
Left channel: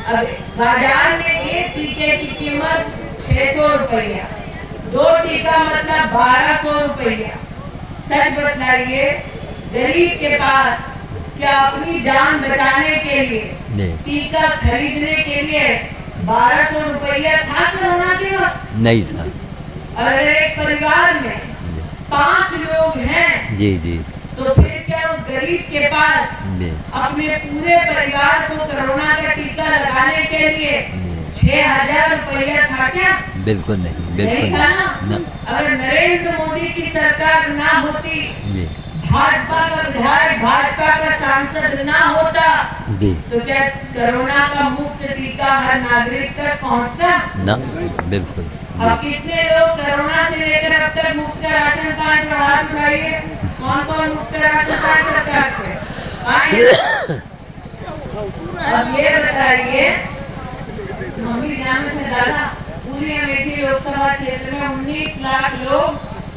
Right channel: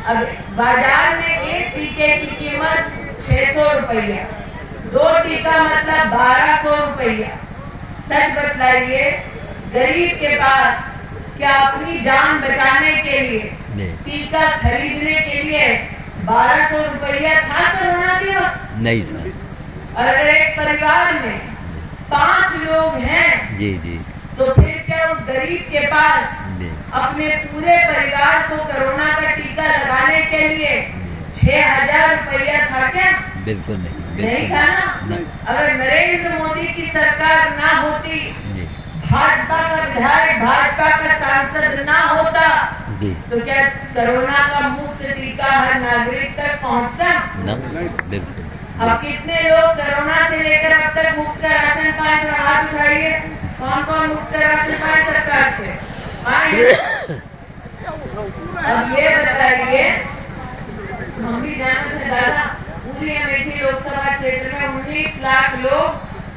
अब बाजार में एक टीके की कीमत 600 रुपया, 2 टीका मतलब 1200 रुपया। सच बतलाइए, गरीब के पास क्या अपनी जान बचाने के लिए टीका खरीदने के लिए 1200 रुपया था कोरोना के वक्त? नहीं था। और अगर एक परिवार में 5 लोग हैं जी जी तो फिर क्या उस गरीब के पास अपने पूरे परिवार को कोरोना का टीका लगाने के लिए 6000 रुपया था क्या? बिल्कुल नहीं, नहीं बिल्कुल था ना। अगर नरेंद्र मोदी की सरकार ना होती, भाजपा का विधायक, भाजपा का सांसद ना होता, जी तो क्या कोरोना का मुफ्त टीका हर नागरिक तक पहुंचता? ना, बिल्कुल। अब कितने लोग कोरोना से लेकर अब तक मुफ्त का राशन पाए? हाथ उठाइए, कौन कौन मुफ्त का राशन पाए सरकार से? अब ये बताइए, हम भी जानते हैं दादा, पूरी अमेठी लोकसभा क्षेत्र में 19 लाख लोग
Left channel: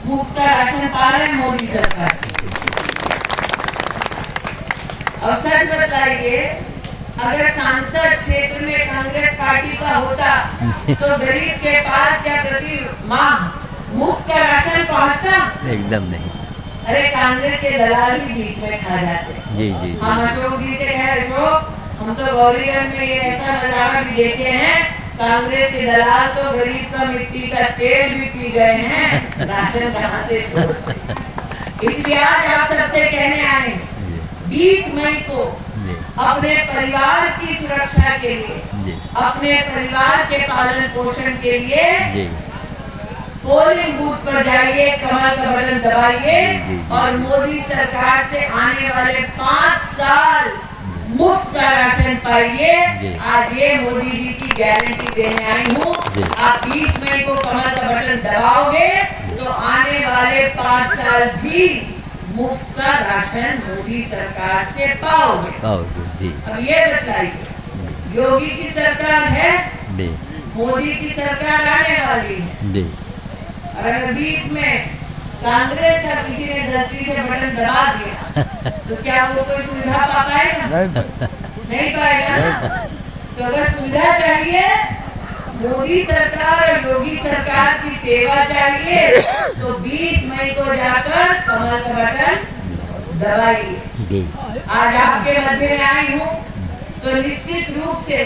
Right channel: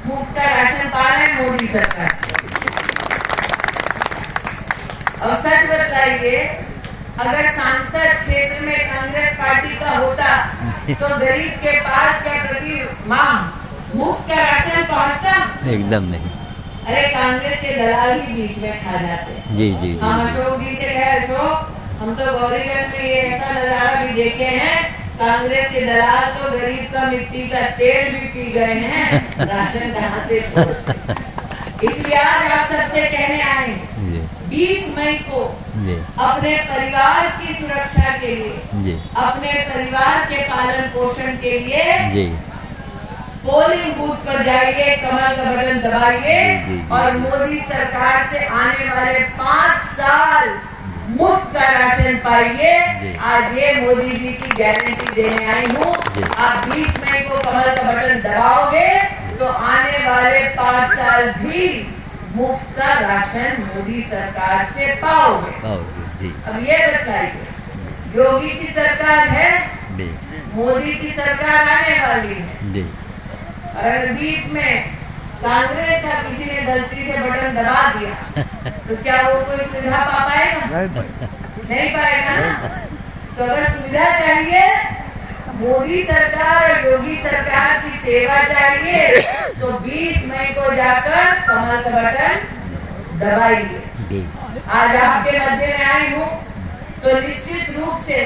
मुफ्त का राशन पा रहे हैं मोदी सरकार से। और सच बताइए, अगर सांसद क्षेत्र में कांग्रेस पार्टी का होता तो गरीब के पास क्या प्रति माह मुफ्त का राशन पहुंचता? एकदम नहीं। अरे कांग्रेस के दलाल ही बीच में खा जाते। जी जी हम अशोक जी से कहे, अशोक हम तो गौरीगंज में ये ऐसा नजारा भी देखे हैं, कांग्रेस के दलाल तो गरीब का मिट्टी का तेल भी पी गए हैं, राशन कहाँ से छोड़ते। इसलिए आज आप सबसे कहने आए हैं, 20 मई को अपने परिवार की सुरक्षा के लिए, अपने परिवार के पालन पोषण के लिए पोलिंग बूथ पर जाइए, कमल का बटन दबाइए और मोदी सरकार से आने वाले 5 साल मुफ्त का राशन पाइए। आज ये मोदी जी की गारंटी देने आई हूँ। आप 20 मई को कमल का बटन दबाओगे तो आने वाले 5 साल भी मुफ्त का राशन मोदी सरकार से पाओगे। अब ये बतलाइए, योगी की सरकार है, मोदी की सरकार आने वाली है, और अगर बीच में कांग्रेस का किसी ने गलती से बटन दबा दिया तो क्या वो कोई सुविधा पा पाएगा? नहीं पाएगा ना। तो अगर सुविधा चाहिए, मोदी सरकार और योगी सरकार की सेवा चाहिए, तो 20 मई को जाकर कमल का बटन दबाइए। आज आपके मध्य में आई हूँ तो निश्चित रूप से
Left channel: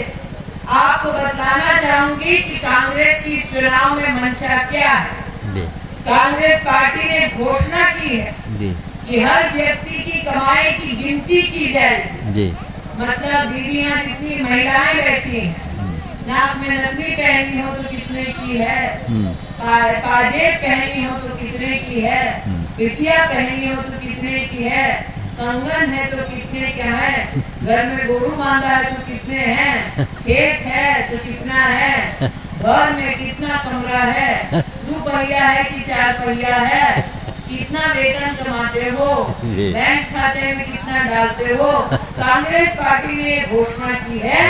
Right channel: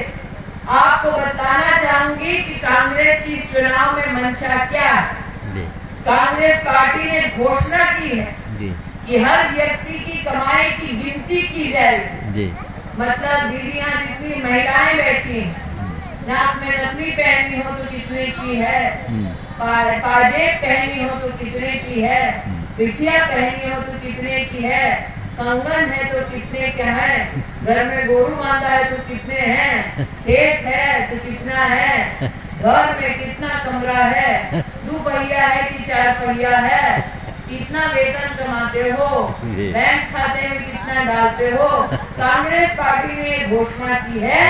आपको बताना चाहूंगी कि कांग्रेस की चुनाव में मंशा क्या है। कांग्रेस पार्टी ने घोषणा की है कि हर व्यक्ति की कमाई की गिनती की जाएगी। मतलब दीदियां जितनी महिलाएं बैठी हैं, नाक में नथनी पहनी हो तो कितने की है, पाजेब पहनी हो तो कितने की है, बिछिया पहनी हो तो कितने की है, कंगन है तो कितने क्या है, घर में गोरू बांधा है तो कितने हैं, खेत है तो कितना है, घर में कितना कमरा है, 2 पहिया है कि 4 पहिया है, कितना वेतन कमाते हो, बैंक खाते में कितना डालते हो। कांग्रेस पार्टी ने घोषणा की है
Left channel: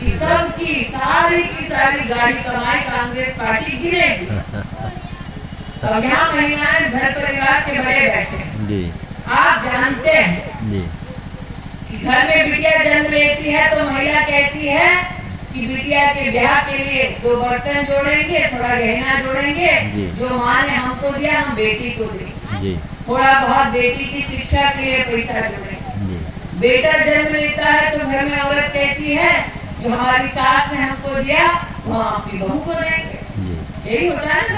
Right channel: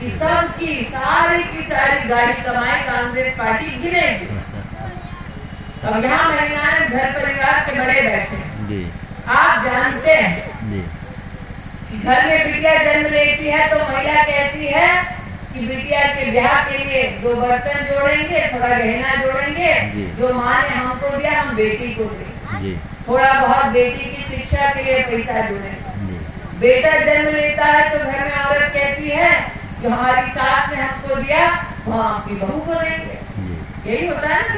कि सबकी सारी की सारी गाड़ी कमाई कांग्रेस पार्टी गिरेगी। अब यहाँ महिलाएं घर परिवार के बड़े बैठे हैं। आप जानते हैं कि घर में बिटिया जन्म लेती है तो महिला कहती है कि बिटिया के ब्याह के लिए 2 बर्तन जोड़ेंगे, थोड़ा गहना जोड़ेंगे, जो माँ ने हमको दिया हम बेटी को देंगे, थोड़ा बहुत बेटी की शिक्षा के लिए पैसा जोड़ेंगे। बेटा जन्म लेता है तो घर में औरत कहती है जो हमारी सास ने हमको दिया वो आपकी बहू को देंगे। यही होता है ना।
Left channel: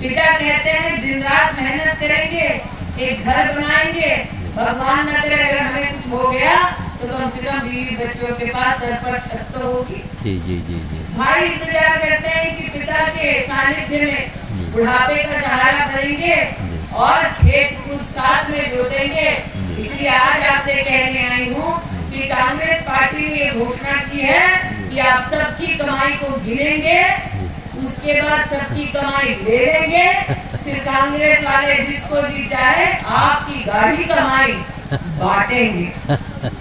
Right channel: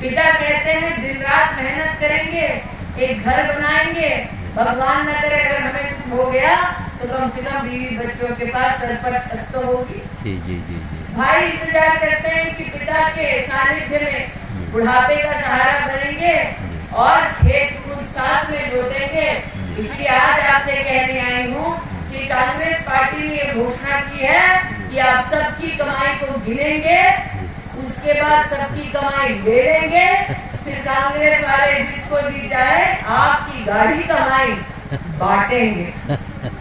पिता कहते हैं दिन रात मेहनत करेंगे, एक घर बनाएंगे, भगवान न करे अगर हमें कुछ हो गया तो कम से कम बीवी बच्चों के पास सर पर छत तो होगी। भाई इंतजार करते हैं कि पिता के सानिध्य में बुढ़ापे का सहारा बनेंगे और खेत खुद साथ में जोतेंगे। इसलिए आज आपसे कहने आई हूँ कि कांग्रेस पार्टी ने ये घोषणा की है कि आप सबकी कमाई को गिनेंगे, उसके बाद सबकी कमाई ले लेंगे, फिर कांग्रेस वाले जिसको जीत जाए आपकी गाढ़ी कमाई बांटेंगे।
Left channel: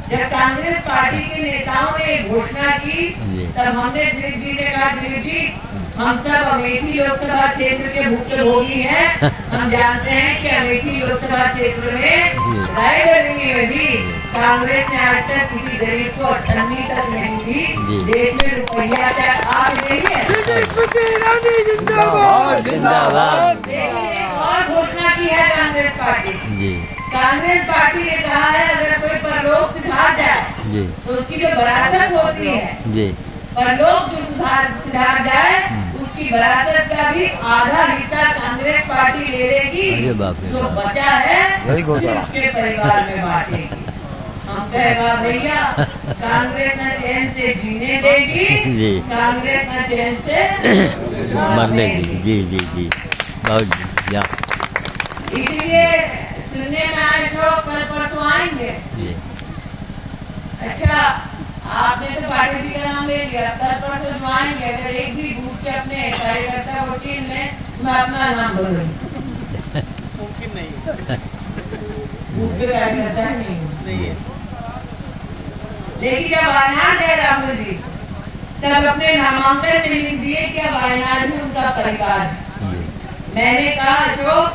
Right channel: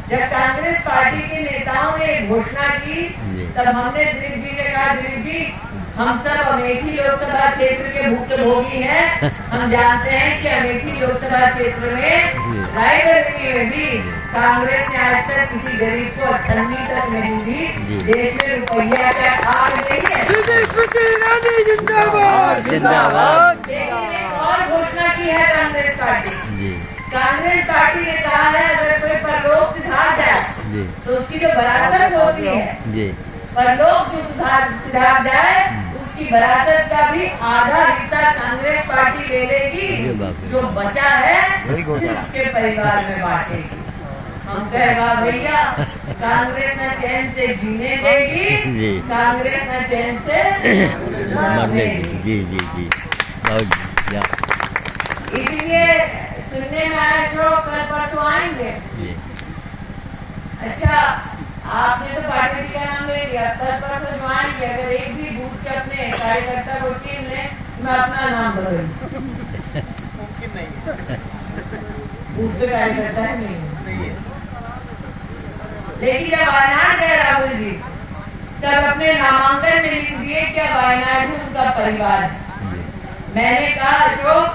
जब कांग्रेस पार्टी के नेताओं ने घोषणा की तब हमने दिलीप जी से कहा, दिलीप जी हम सब अमेठी लोकसभा क्षेत्र के भुक्तभोगी हैं। हम जानते हैं कि अमेठी लोकसभा क्षेत्र में रायबरेली में भी कांग्रेस ने आज तक किसी गरीब को 98 तक नहीं दी। देश में रुपया क्या आग नहीं है। जिंदाबाद। लेकिन एक और घोषणा की है कांग्रेस पार्टी। कांग्रेस पार्टी ने कहा है अगर कोई परलोक सिधार जाए तो उसकी जो विरासत होती है, परलोक जो सिधार जाए उसकी विरासत का भी आधा हिस्सा कांग्रेस पार्टी ले लेगी। जो बचा है फिर उसके परिवार में बांटेगी। हम कहेगा भैया कांग्रेस न चैन से जीने देगी, कांग्रेस न चैन से मरने देगी। जी जी जी बहुत। इसलिए सुनने में आए जो कल परसों आएंगे। अच्छा आपने तो पार्टी का नाम ले लिया, कल परसों जो आएंगे अगर एक भी बूथ के अपने कार्यकर्ता को चीन ले, मैं अपना नाम बदल मुमकिन नहीं। बूथ पे कार्यकर्ता नहीं है। लेकिन जब वायनाड गए राहुल जी तब अपने नामांकन में लिख दिए कि वायनाड में उनका परिवार है। मैंने कहा अशोक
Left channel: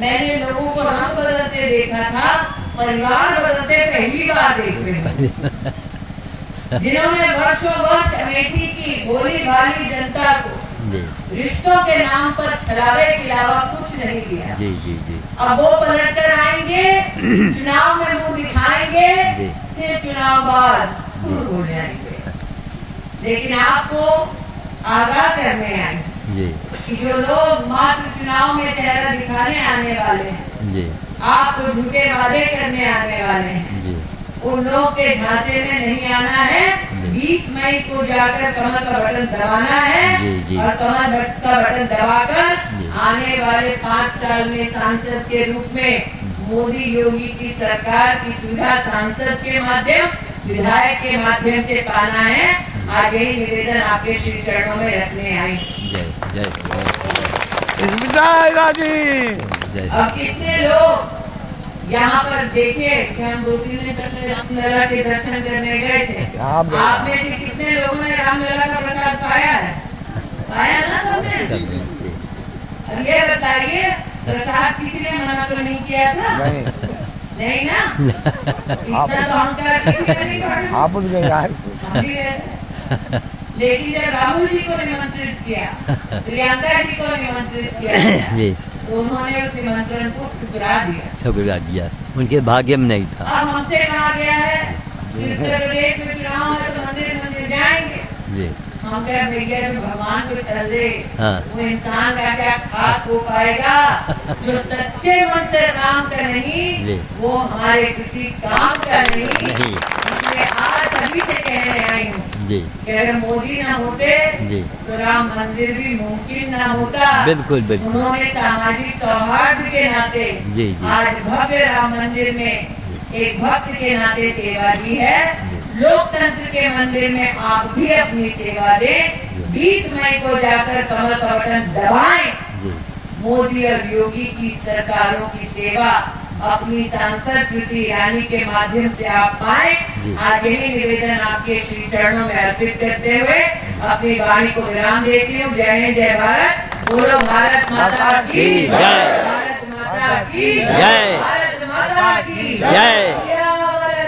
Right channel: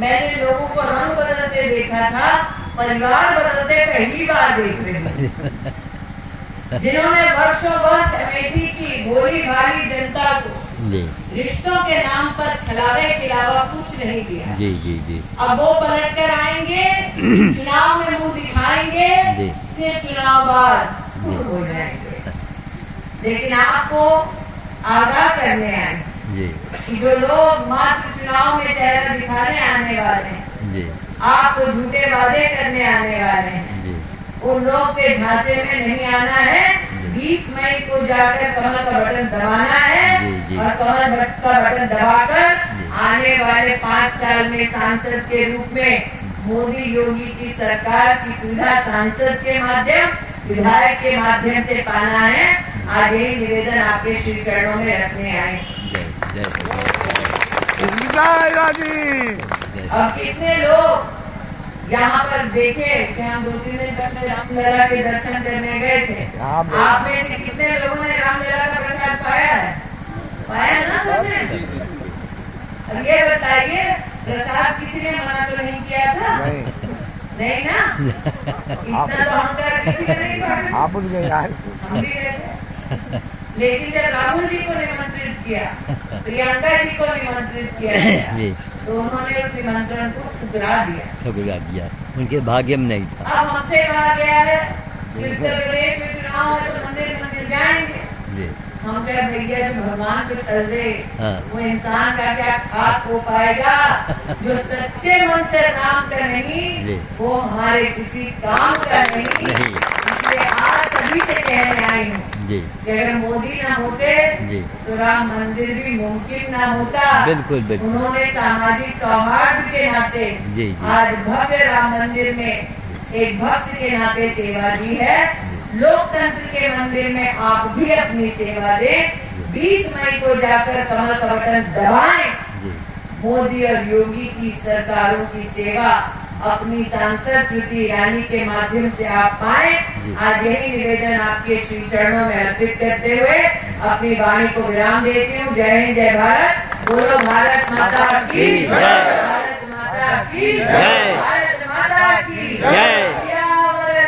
मैंने लोगों को रंग बदलते देखा था, परिवार बदलते पहली बार देख रहे हैं। जिन्होंने वर्षों वर्ष अमेठी की भोली भाली जनता को रिश्तों के नाम पर छलावे के अलावा कुछ नहीं दिया। जी जी जी। अब वो पलट कर आएंगे, चुनाव में मुंह दिखाएंगे, फिर चुनाव बाद दूर हो जाएंगे। लेकिन आपको आगाह करने आए कि जो लोग मात्र चुनाव में चेहरा दिखाने आने वाले हैं, आपको झूठे वादे करने आने वाले हैं, उन लोग के झांसे में नहीं आना है। 20 मई को जाकर कमल का बटन दबाना है और कमल का बटन दबाकर आने वाले 5 साल में सांसद के रूप में मोदी योगी की सरकार की सुविधा सांसद के माध्यम, विधायक के माध्यम से पाना है। आज यही निवेदन आपके श्री चरणों में रखने आई। अब कितने लोग यहाँ पर देखे कि हम 2-3 दिन पहले रामलला के दर्शन करने गए थे, आप में से कितने लोगों ने रामलला का प्रसाद पाया है? पाया ना सबने? अब ये बताइए प्रसाद किसी ने मना तो नहीं किया था? नहीं ना? इतना तो हम किसी ने नहीं पढ़ा। हम भी गए थे। लेकिन जब राहुल जी को निमंत्रित किया, प्रियंका जी को निमंत्रित किया तो उन्होंने उस निमंत्रण को ठुकरा दिया। उनके भाग्य में नहीं था। अब हमसे कहा गया है कि उत्तर प्रदेश में चुनाव है तो मंदिर जाएंगे। हम कहे भैया जो भगवान को छल दे वो इंसान का क्या खाक हो पाएगा। जो सच्चे मन से काम का नहीं वो हमारे किसी काम का नहीं। इसलिए आज सभी से कहने आई हूँ कि अगर मोदी ना होते तो राम मंदिर भी मुमकिन ना होता। बिल्कुल बिल्कुल। उन्होंने सामाजिक सौहार्द के नाते आज भव्य राम मंदिर में एक भक्त के नाते सेवा दी है। लोकतंत्र के मंदिर में आप भी अपनी सेवा दें। 20 मई को जाकर कमल का बटन दबाएं। मोदी और योगी की सरकारों की सेवा अपनी सांसद स्मृति ईरानी के माध्यम से आप पाएं। आज यही निवेदन आपके श्री चरणों में अर्पित करते हुए अपनी वाणी को विराम देती हूँ। जय हिंद, जय भारत। बोलो भारत माता की जय। भारत माता की जय। भारत माता की जय।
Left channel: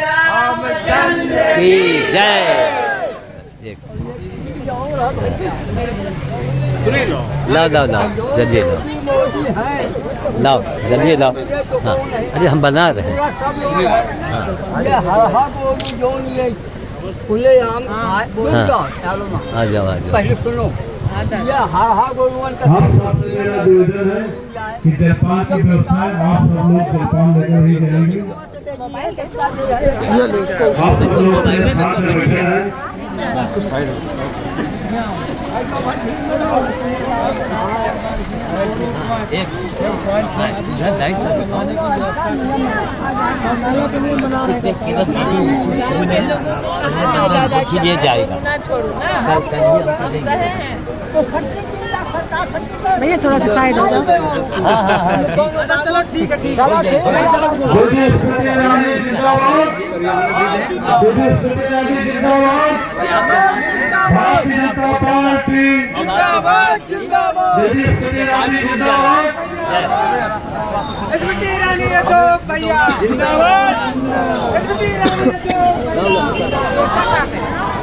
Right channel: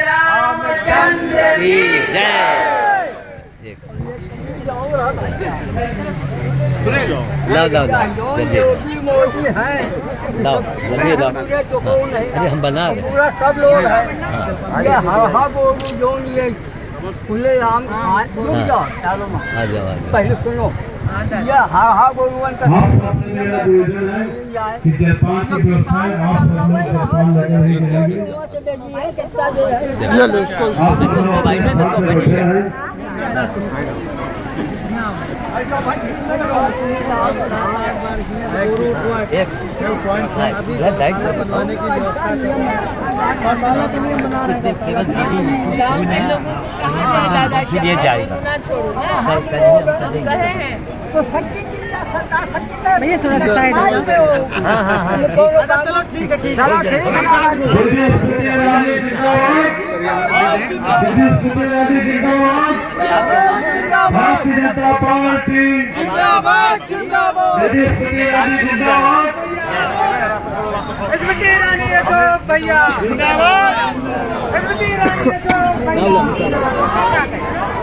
रामचंद्र की जय। लाओ जल्दी लाओ। हाँ अरे हम बना रहे हैं। खुले आम आ जाओ। पहले सुनो ये हा गोरुवन का आप सबसे मेरा निवेदन है कि जलपान की व्यवस्था है। आप सब लोग जलपान लेकर ही जाएंगे। आप सब लोग बैठे हैं। ये जाएगा भैया थोड़ा सा साइड हो जाओ। चलो ठीक है चलो ठीक है। पार्टी जिंदाबाद जिंदाबाद स्मृति ईरानी जिंदाबाद स्मृति ईरानी अशोक भैया जिंदाबाद स्मृति ईरानी अशोक भैया